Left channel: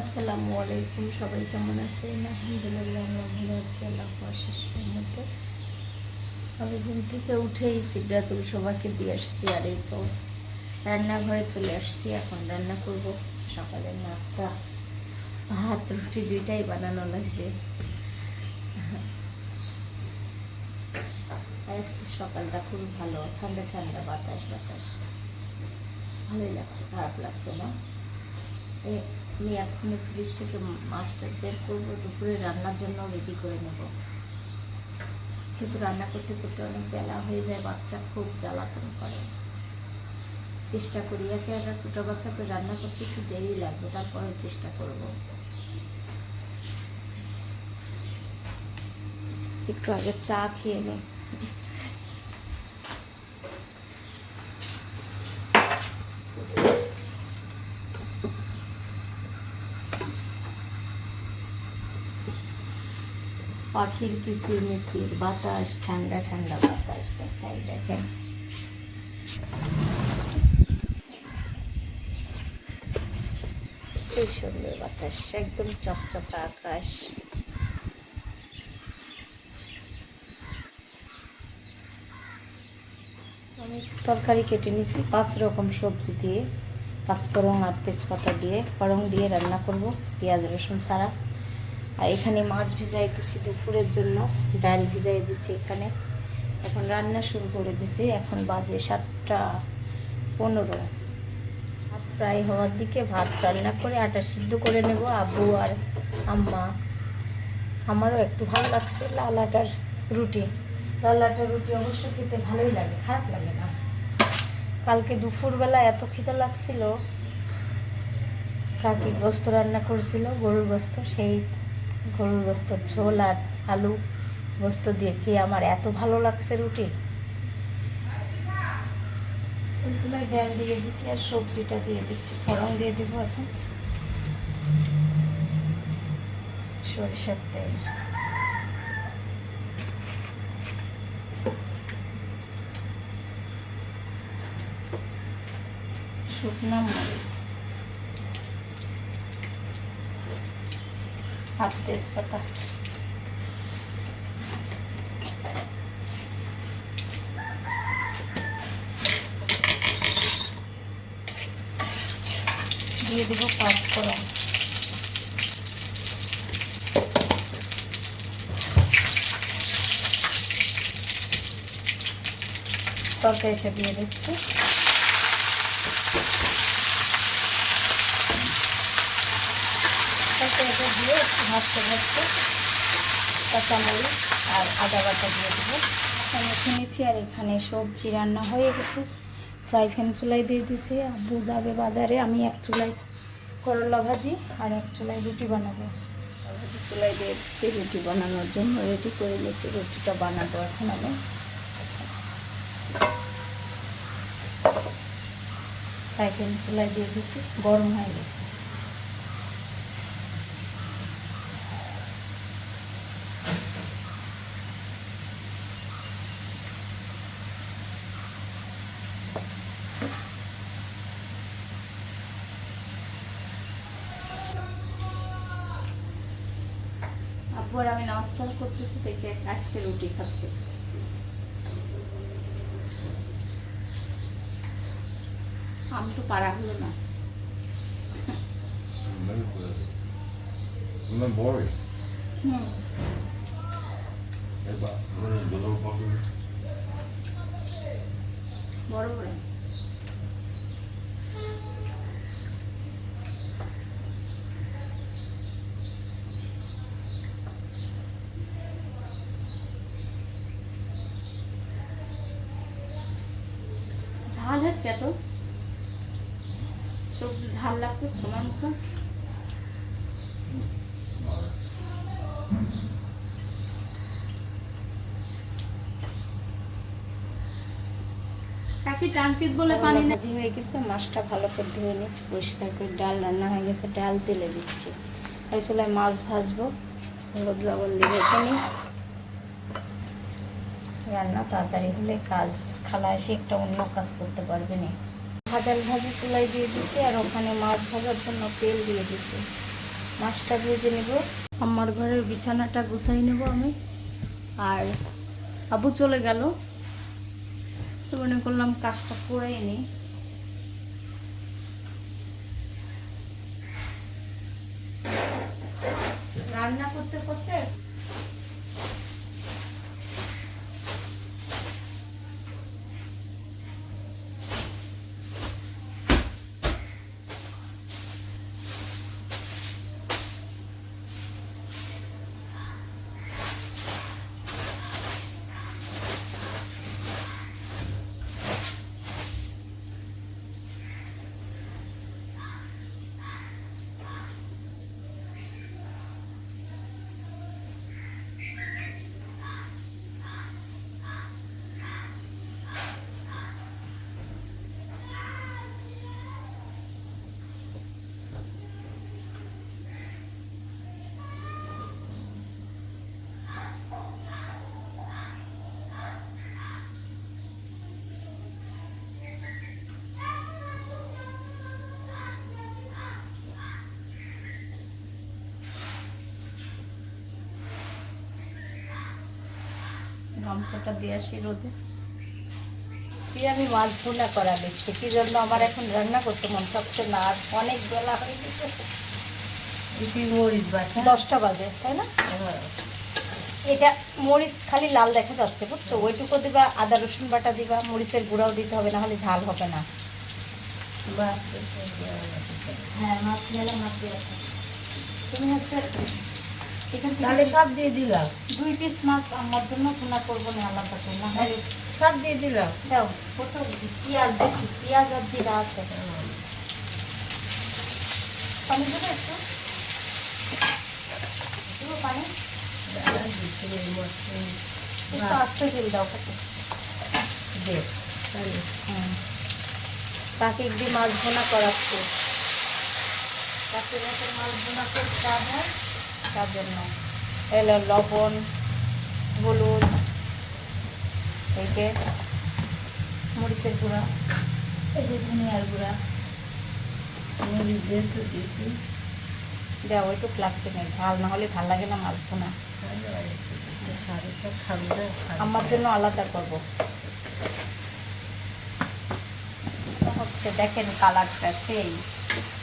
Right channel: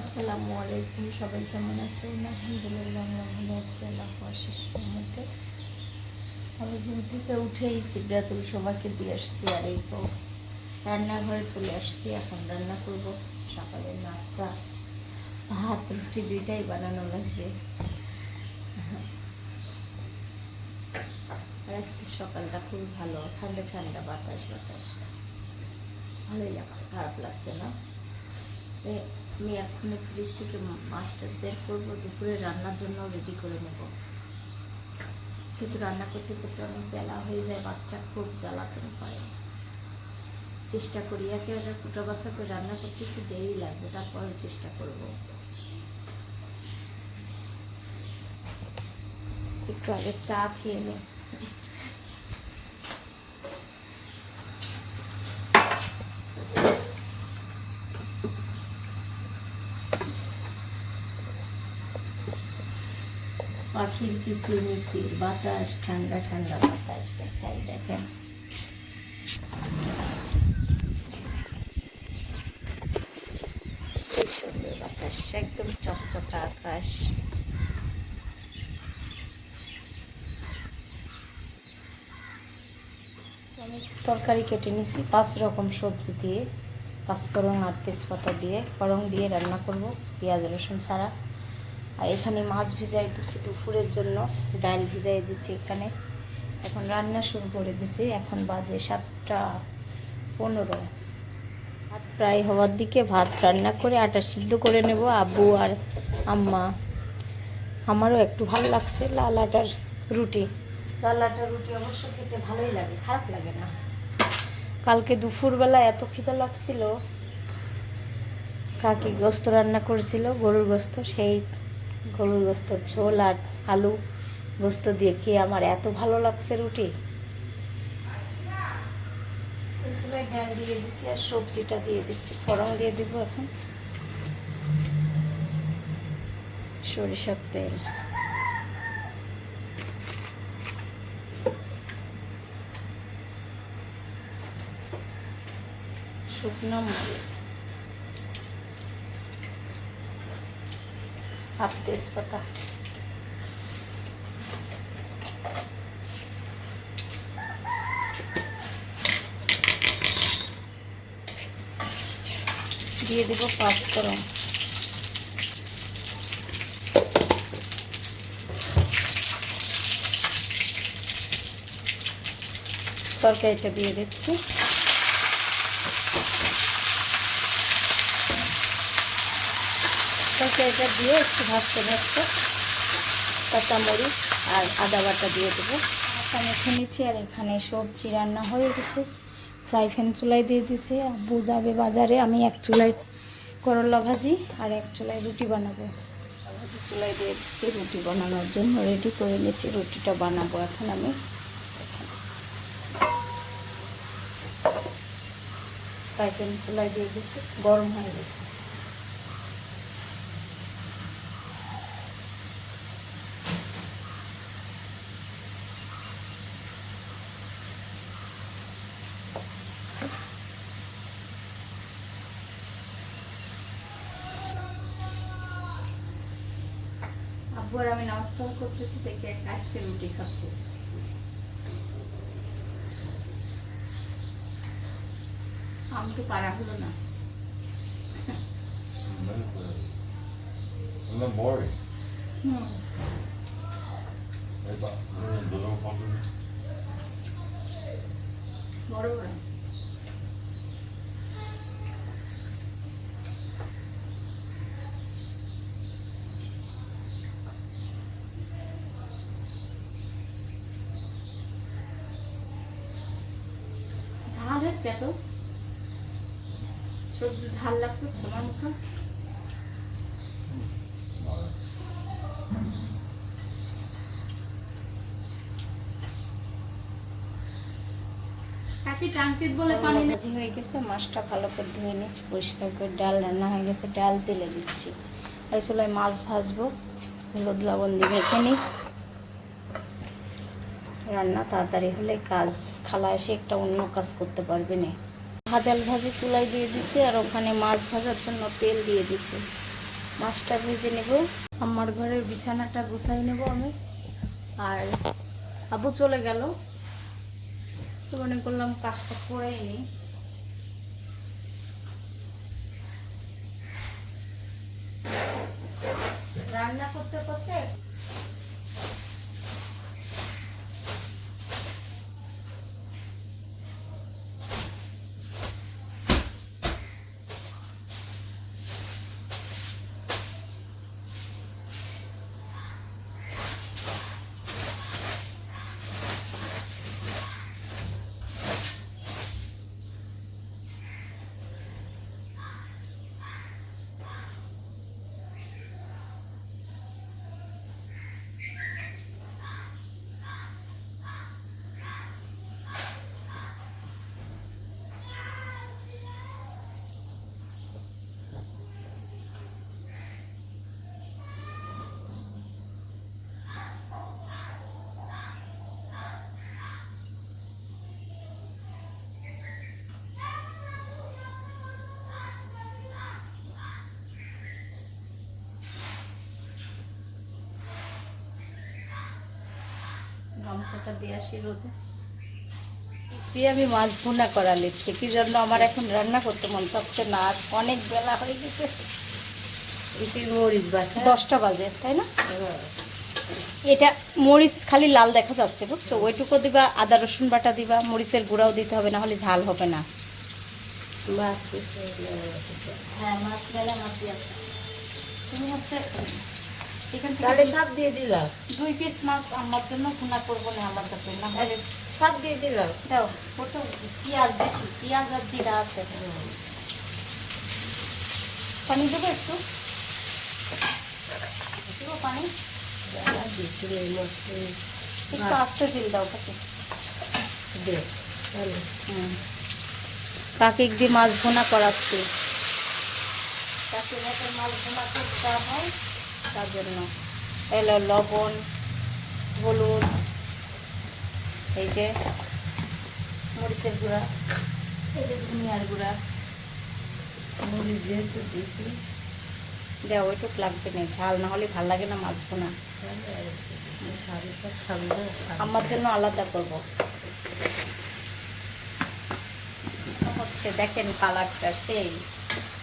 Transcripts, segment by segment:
আসসালামু আলাইকুম, সবাই কেমন আছেন? আলহামদুলিল্লাহ আমরা ভালো আছি, আল্লাহ মধ্যে আমি ঘুম থেকে উঠেই সিদ্ধাতুল সবাইকে দিয়ে আসছি আর এই তো রান্নাঘরে চলে আসছি, এখন রান্না করব। সকালের নাস্তা, ভাত, রুটি দুইটাই বানানো লাগবে। আজকে সকালটা খুবই ভালো, ঠান্ডা ঠান্ডা বাতাস বাতাস। ভালোই লাগছে, খারাপ লাগছে না? আমি এক্ষুনি ফ্রিজ থেকে মাছটা বের করব, দুপুরে রান্নার জন্য রেডি করে নেব। যেহেতু রান্না করতে করতে অনেক বেলা হয়ে যায়, বাচ্চা খুব জ্বালাতন করে। চেষ্টা করি একে একে কুটা বাসা করে রান্না করতে, একটু দেরি লাগবে তারপরে চেষ্টা করব। একটু আগে চা খেয়ে নিই পাখির কিচিরমিচির বাতাস, ঠান্ডা ঠান্ডা বাতাস, দেখাই দেখেন সুন্দর বাতাস একদম চকচকা আকাশ। আমি তরকারি কেটে নিছি, পাঁচ রকম সবজি দিয়ে পাঁচফোড়ন আর তেজপাতা দিয়ে ফড়ং দিয়ে রান্না করব, পেঁয়াজ, রসুন ছাড়া। আর এখানে মাছ ভিজাই দিচ্ছি দুপুরের জন্য, ডাল ভিজাই দিচ্ছি এখানে। এখন রান্না শুরু করে দিছি এখন বাজে সাতটা পনেরো। প্রায় হওয়ার দিকে, ভাত রান্না করে আটা সিদ্ধ করে নেব আব্বু আর আম্মা। আমারও একটু ভালো লাগছে লাল আটার রুটি। লাল আটার রুটি অবশ্য খেতে ভালোই লাগে, খারাপ লাগে না। কালকে দুপুরবেলা এত খেতে লাগছিল। কাকি গোস্ত রান্না করেছিল, গরুর গোস্ত, সেই গরুর গোস্ত, ঝোল আর আলু গোস্ত দিয়ে খেয়ে আমার এত ভালো লাগছে রুটি। ড্যাম দিয়ে দিচ্ছি আর সবজিটা দিয়ে দিচ্ছি ফড়ং দিয়ে দিব সরিষার তেল। শুকনো মরিচ। হাফ তেজপাতা দিয়ে দেবো পাঁচফোড়ন তরকারিটা দিয়ে দিচ্ছি তরকারিটা দিয়ে একটু ভাজতে ভাজতে কাঁচামরিচ আর আদা বাটা দিয়ে দেবো। এখন রেখে নিচ্ছি আর এখানে সবজি রান্না হয়ে গেছে। ফ্রাই প্যান চুলায় দিয়ে দিছে আব্বু যাবে বাজারে আমি এক চুলায় করলা ভাজি আর এক চুলায় রুটি বানাবো। ভাজি চুলায় দিয়ে দিচ্ছি রুটি বানানোর জন্য রেডি করে নিচ্ছি রুটিটা বানাবো এখন আমি। ফ্রাই প্যান চুলায় দিয়ে দিচ্ছি গরম হয়ে গেছে। আর আমি নাস্তা করতেছি দেখে আজকে রুটি খাচ্ছি। আম তো পারা হলো না। বড় বড়। হয়েছে এত? সবজি ঝাল মুখে? মাছটা ভালো করে ধুয়ে পরিষ্কার করে ডাল রান্না হয়ে গেছে, ডাল তেলে দিচ্ছি। আর চুলায় মাছ ভাজবো, হলুদ লবণ দিয়ে রেখে রান্না তাড়াতাড়ি হলে কাজ খালা এসে একটা অন্য কাজ করতে পারবে না। ভাজাল ভাজি চুলাই দিয়ে দিচ্ছি আর ওখানে মাছ ভাজার জন্য তেল দিয়ে দিচ্ছি মাছটা ভেজে নেব। আমার ঘরের বিছানাটা গুছাই নেব আমি। আর আবু চলে গেল। তো মনে করলাম কাজটা করে নিই। রান্না করতে করতে গামছাটা দিয়ে আসি রোদে। দিয়ে আমি মাছ ভুনা করা লিখছি কি জন্য আমার এখন রান্না করতে মন চাচ্ছে না আর অনেক বেলা হয়ে গেছে। মরিচ বাটা? দশটা বাজে তাই না? এটা মরিচ খালি লাল দেখা যাচ্ছে বুঝছ? ওইটুকু দিবা আদা রসুন বাটা দিবা মরিচের গুঁড়াও দিতে হবে না হলে ঝাল হবে না। হ্যাঁ মাছ মেলা মাছ দিয়ে তুমি হচ্ছে তাহলে সব দিয়ে দিলাম। দুই পিস মাছ আমার জন্য ভুনা করব না আলাদা করে না। দিয়ে দিলাম। দাও ছোট পেঁয়াজ বেশি পেঁয়াজ আর জিরা আছে। পানি দেবে একটু? একটু পানি? একটু আস্তে তেল দাও তাকে। একদিন মাছ ভোনা করাচ্ছে। মাছ ভোনা করতে হয় তার জন্য। এলো লবণ, হলুদ, এই যে মরিচের গুঁড়া, এই যে ধনিয়ার গুঁড়া মরিচ যেহেতু লাগবে না, ঝাল না হলে ভালো লাগে না মাছ ভোনা আমার জন্য আলাদা করব। হচ্ছে দেখেন কালারটা সেই।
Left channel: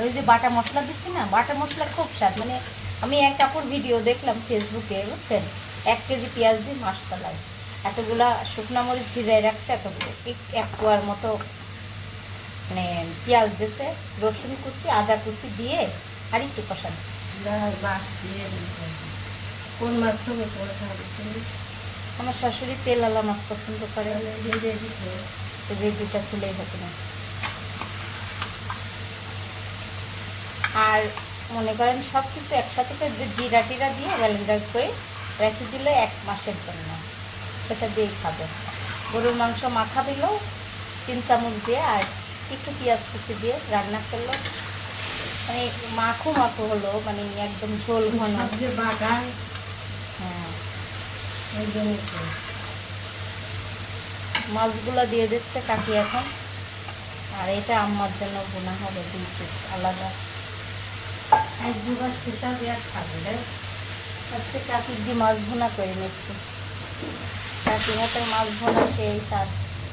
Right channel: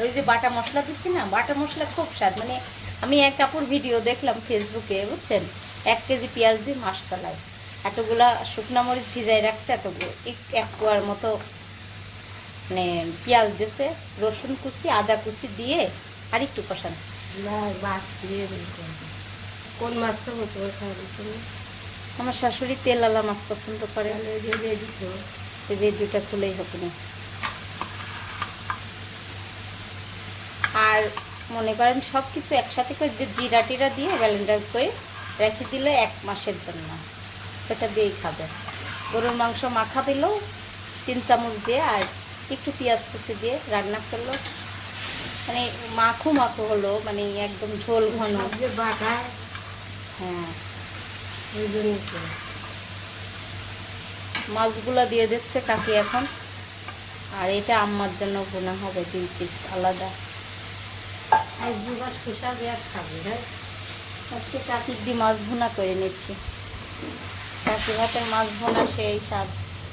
ওই যে বাটা মশলা দিচ্ছি না, বাটা মশলা খুব স্বাদ মানে আমি এক কাপড় ভিডিও দেখলাম ফেসবুকে বুঝছেন? এক কেজি পেঁয়াজ দিয়ে মাছ চালায়। এতগুলা শুকনো মরিচ ভিজাই রাখছে এতগুলো। এক- এক পোয়ার মতো মানে পেঁয়াজ দিছে রসুন কুচি আদা কুচি দিয়ে আর একটু কষানো কোন মাছ খাব আমার শাশুড়ি তেল আলা মাছ পছন্দ করে। যে দুইটা খুলেই হতো না। আর মনে করেন সব কিছু একসাথে করে যে জিরা টিরা দিয়ে ব্যালেন্ডার করে রেখে দিলে এক মাসের জন্য। সেটা দিয়েই খাবে। গরুর মাংস মাখা দিল তিন চামচ দিয়ে আর একটু পেঁয়াজ কুচি দিয়ে রান্না করল। মানে মাখো মাখো হলো মানে একদম ঝোল ঘন হ্যাঁ। ওই জন্য। মাছগুলা দিয়ে দিচ্ছে কাকি এখন। আর এটা আম্মার জন্য বোনা হবে দুই পিস আলাদা। এক দুবার সেটা দেওয়ার খাবে রে। আজকে কাকি দিয়ে মাছ ভুনা করে নিচ্ছি। কাকি মাছ ভুনা সেই স্বাদ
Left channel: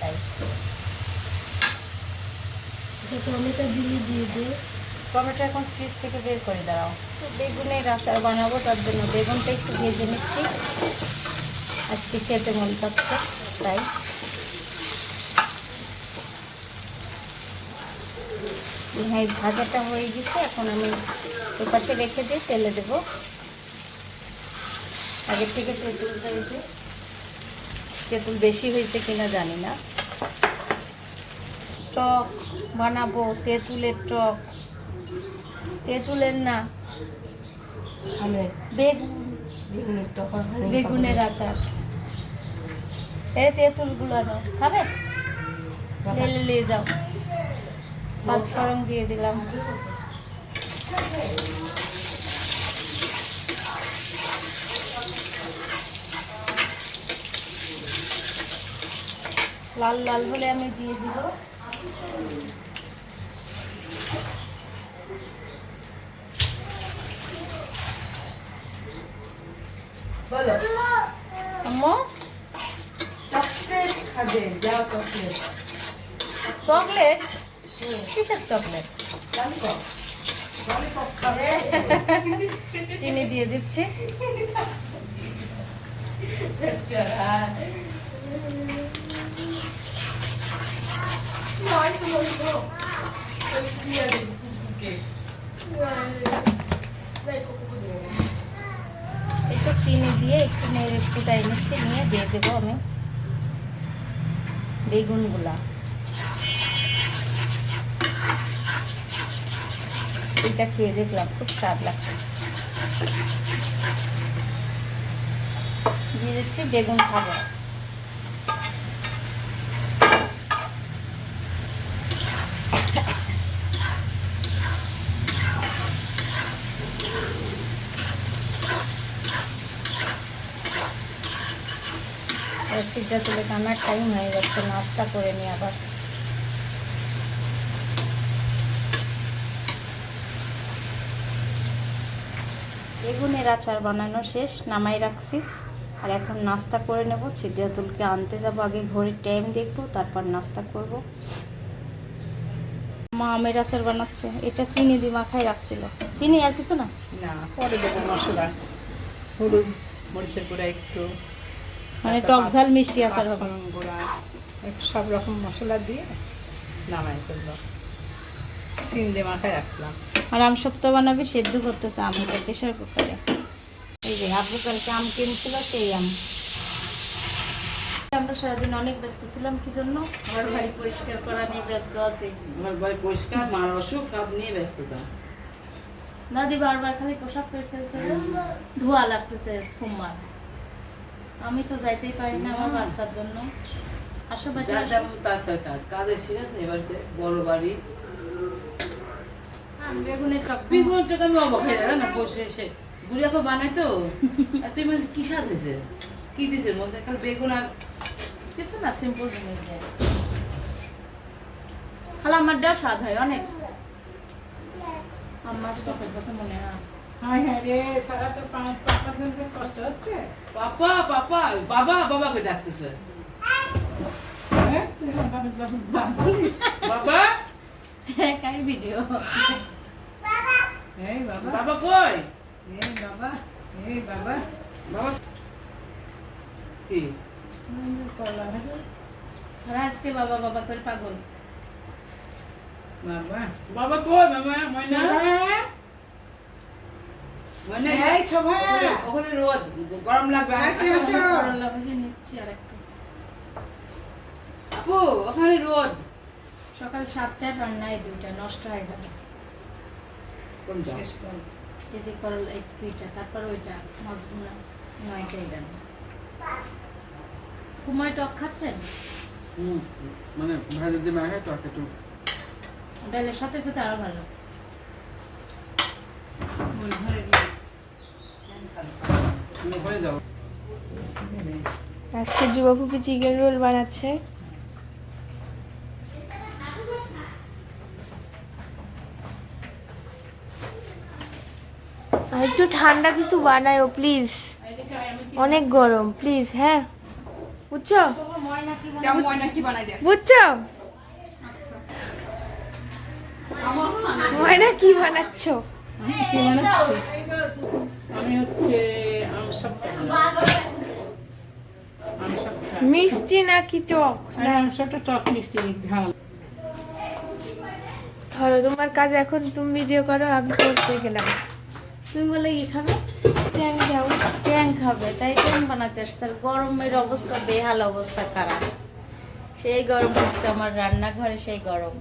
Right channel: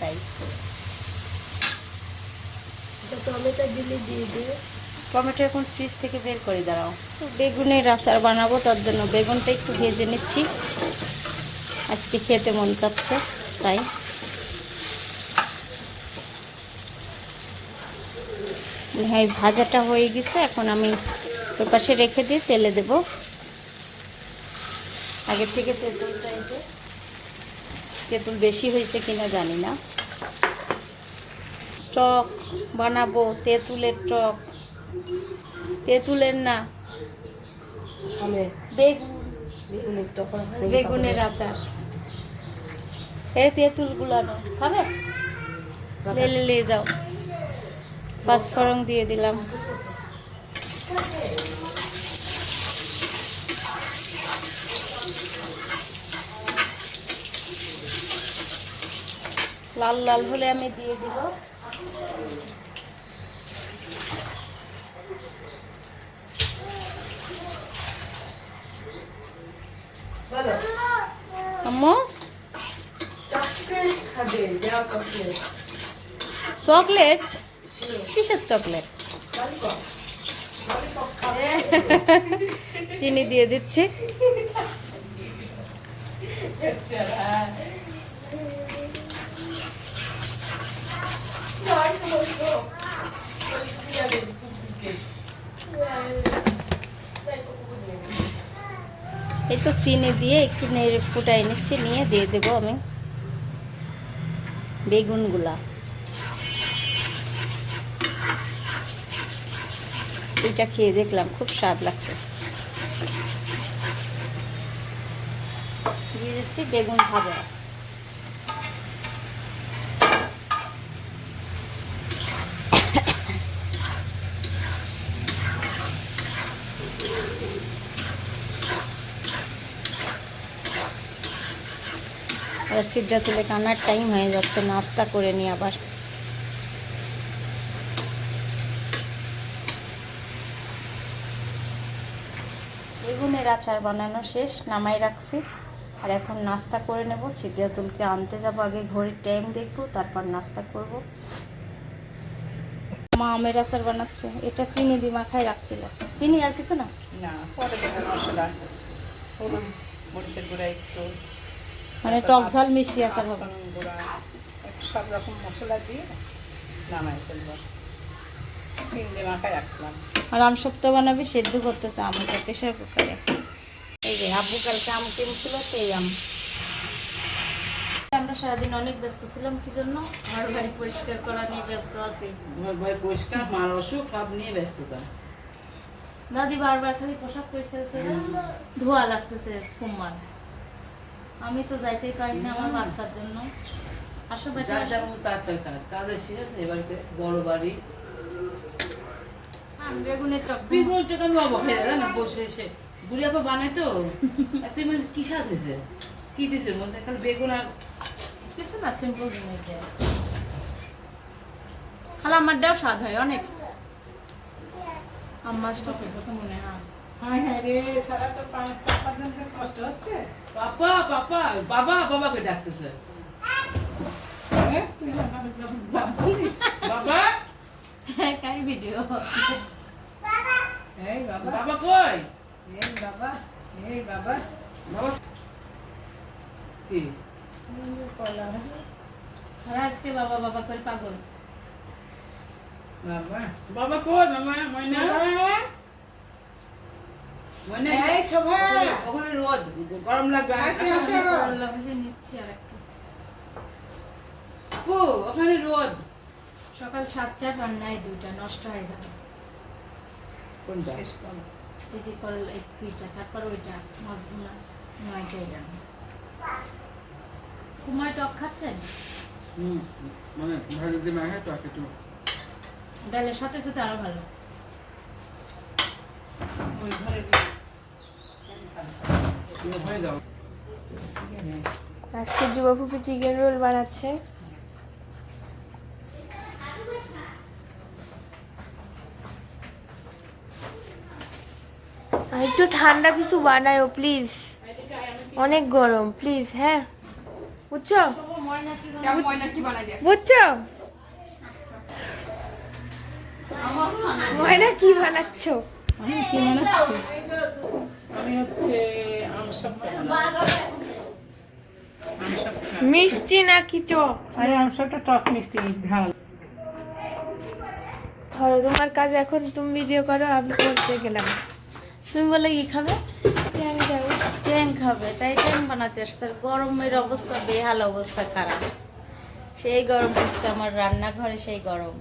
তাই। তো টমেটো দিলে দিয়ে দে। টমেটো এখন ফ্রিজ থেকে বের করে দাঁড়াও বেগুনের আচার বানাবো তার জন্য বেগুনটা একটু ভেজে নিচ্ছি। আজকে খেতে মন চাচ্ছে তাই। হ্যাঁ ভাজাটা হয়ে গেছে এখন আমি ওই পাশে রেখে দিয়ে তেলে দেব। আগে থেকে তেঁতুলটা তেঁতুল বেশি হয়েছে কিনা জানি না। টক বানাবো তেঁতুলের টক। তেঁতুলের না বেগুন। বেগুনের হানি বেগুনের আচার। এই তেঁতুলগুলো খাবে? তেলে নিয়ে যাও। পাঁচফোড়ন দিয়ে দিলাম। লাল লাল হলে আমি দিয়ে দিব। চকলেট কিসের চকলেট চিনি দিয়ে দিচ্ছি। তো চিনি দিয়ে একটু নেড়ে ফুটাই নিচ্ছি, নিয়ে দিয়ে দেবো আমি। বেগুনগুলা। এটা খেয়ে দেখলাম, খুব স্বাদ লাগছে। দিয়ে দিচ্ছি বেগুন ভাজা। সিদ্ধা তুলে কান্নার টাইম হয়ে যাচ্ছে, নাস্তা করে নিই আবার। বেগুনের আচার বানানো শেষ নামাই রাখছি। আর এখন নাস্তা করে নেব। সিদ্ধাতুলকে আনতে যাব আগে ঘড়ির টাইম দেখব তারপর নাস্তা করব। মা আমের আচার বানাচ্ছে। এটা চিনি দিয়ে মাখায় রাখছিল। চিনি আর কিছু না? মানে টক ঝাল মিষ্টি আচার হবে। সব রকম মশলা দিয়ে নামাই ফেলব। চিন দিয়ে মাখায় রাখছিলাম। আর আম সপ্তাহ বানাবি সেদ্ধ করতেছে আমটা প্রেশার কুকারে। এই যে আব্বু কালকে আম কিনছিল সেই আম। আমরা সারাদিন অনেক ব্যস্ত ছিলাম কি জন্য? ঘর বাড়ি পরিষ্কার করা নিয়ে ব্যস্ত আছি। আমার বাড়ি পরিষ্কার মার অসুখ সব নিয়ে ব্যস্ততা। দাদি বারবার খালি পোশাক করে ফেলছে ধোয়া লাগতেছে ফুম্মার আমি তো যাইতে পারি না আমার বাচ্চার জন্য। আসো বেটা যার আসো। তার কাজ কাজের শেষ এ বাড়িতে বড় বাড়ি বেগুনের টক বিগুলো তো আমি অবাক হয়ে যায় না বসে এসে। বুড়ি আপা বানাই তো। আর তুই মানে কি স্বাদ হয়েছে? কি মধ্যে? খালি বেগুন আর কিছু না সিম্পল জিনিস দেয়। খালা আমারটাও স্বাদ হয় অনেক। আমার কাছে কথা মনে হয়। রে সারা তো পা- পাপার জন্য তো কষ্ট হচ্ছে। পাপা পাপা বাবা বাবাকে ডাকতেছে। হ্যাঁ? বাবা ভিডিও এই বাবা। বাবা কই? এই বাবা এই বাবা। বাবা কি? কলা সারা আজকে বাবা বাবা করে পাগল। বাবা। বাবা কই? মামা ময়না? ময়না এই শোভা। ওখানে- রোদ। গরম লাগবে। নিচ্ছি আর একটু। আপু ওখানে রোদ। সকাল সাতটায় রান্নায় দুইটা নষ্ট হয়ে যাবে। কোনটা শেষ কর। এই যে করল এই দুইটা তারপর ওইটা মাছগুলো নয়টা টক খাচ্ছেন হুম মানে ভাজা দিয়ে মাখা তো একটু। ডালের সাথে খেতে আরও ভালো। ওই ঘরে আজকে যুবপুপি চিকেন রোল বানাচ্ছে আর একটু ঠান্ডা কিছু বানায়ও প্লিজ অনেক গরম প্লিজ হ্যাঁ। বুঝছ? বুঝছ? ময়না কি বানাচ্ছো? মিষ্টি নাকি টক? টক মিষ্টি ধরো, তোমার কাজ এখন তুমি ভিডিও করো, আমি করতে গেলাম। তুমি বলে কি খাবে যাব ট্যাং খাবে তাই ট্যাং বানাতে আসছে। আর গরমের অবস্থা বেহাল অবস্থা খারাপ। সেই গরম পড়ছে আমার রান্নাঘরে সেই গরম।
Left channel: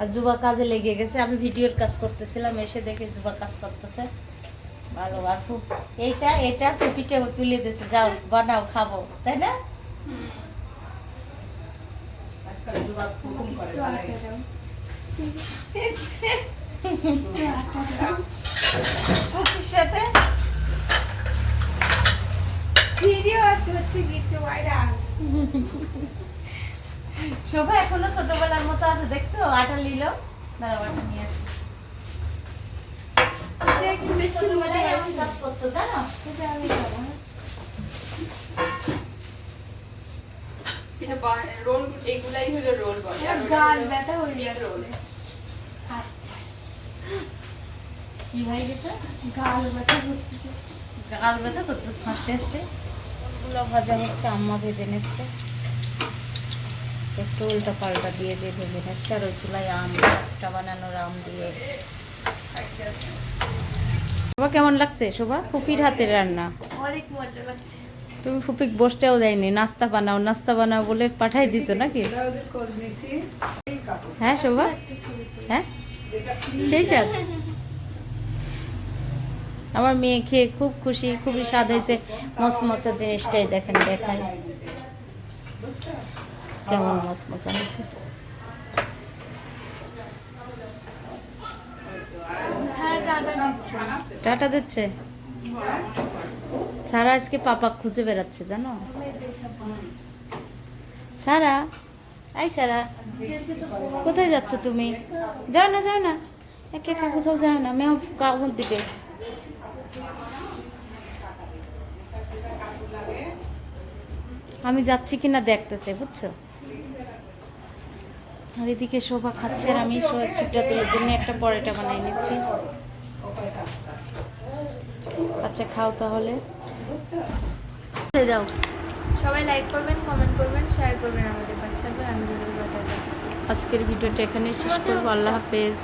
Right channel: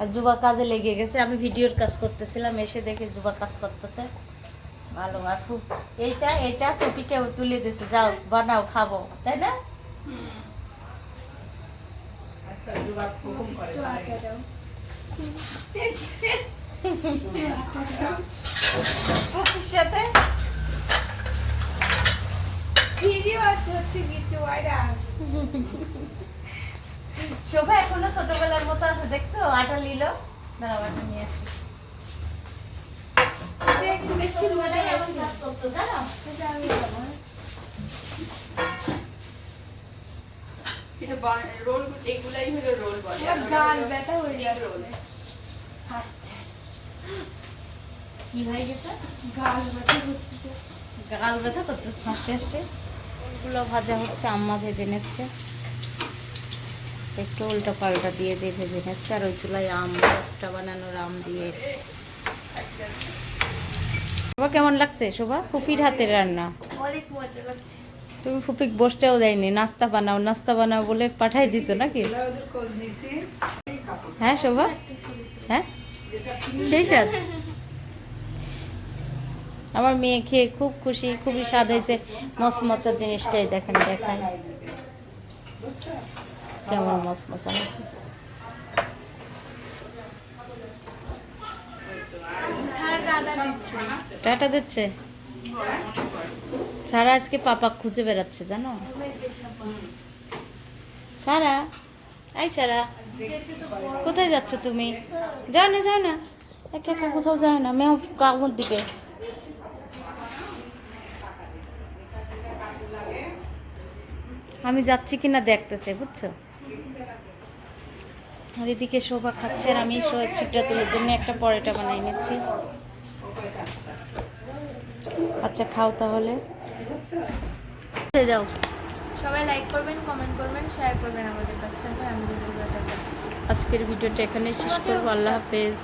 আর যুবা কাজে লেগে গেছে। আমি ভিডিওর কাজ করতেছিলাম এসে দেখে যুবা কাজ করতেছে। ভালো আর খুব এইটা এটা টুপিকে তুলে দিয়েছে। যাও বানাও খাব তাই না? আজকাল সাথে? ভিডিও হচ্ছে কিছু শোভা এখনও ছোটবেলার মতো আছে দেখছ? আটা নিল। বরাবরটা নিয়ে আসি। রোল এগুলাই হলো রোল বলে। হলো ব্যথা হয়ে egg যাচ্ছে roll। হাসতে কি হয়ে গেছে? গাল ব্যথা করতেছে। গাল ব্যথা করতো হাসতে হাসতে। ওগুলো ভাজা হচ্ছে আম্মা ভেজে নিচ্ছে। একটু উল্টা পাল্টা দিয়ে দিয়ে ভেজে নিচ্ছে আর ওই চুলায় আম একটা বানানোর আম দিয়ে। শোভা কেমন লাগছে শোভা? ফুপির হাতের রান্না। অনেক মজা লাগছে। তুমি ফুপিক বসতেও দেয়নি নাস্তা বানাও নাস্তা বানাও বলে পাঠাই দিছো নাকি? হ্যাঁ শোভা। হ্যাঁ? সেই স্বাদ আমার মেয়ে খেয়ে খুব খুশি, খুবই স্বাদ হয়েছে। মশমশা জিনিসটাই দেখেন, দেখাই। কেমন মশমশা হয়েছে। হ্যাঁ টাটা দিচ্ছে? সারা আজকে পাপা খুঁজে বেড়াচ্ছে, জানো? সারা আই সারা। কোথায় যাচ্ছ তুমি? যাও না যাও না। একা একা কোথাও যাও না মেয়ে কামড় দিবে আমি যাচ্ছি কিনা দেখতেছে বুঝছ? আর এদিকে শোভা খাচ্ছে আর আমি ছিপটা তোলার জন্য একটা পরোটা বানাই নিচ্ছি। আচ্ছা খাও তাহলে। দাও সবাই লাইক করবেন কমেন্ট করবেন শেয়ার করবেন আমাদের পাশে থাকবেন আমি আজকের ভিডিওটা এখানে শেষ করব। আল্লাহ হাফেজ।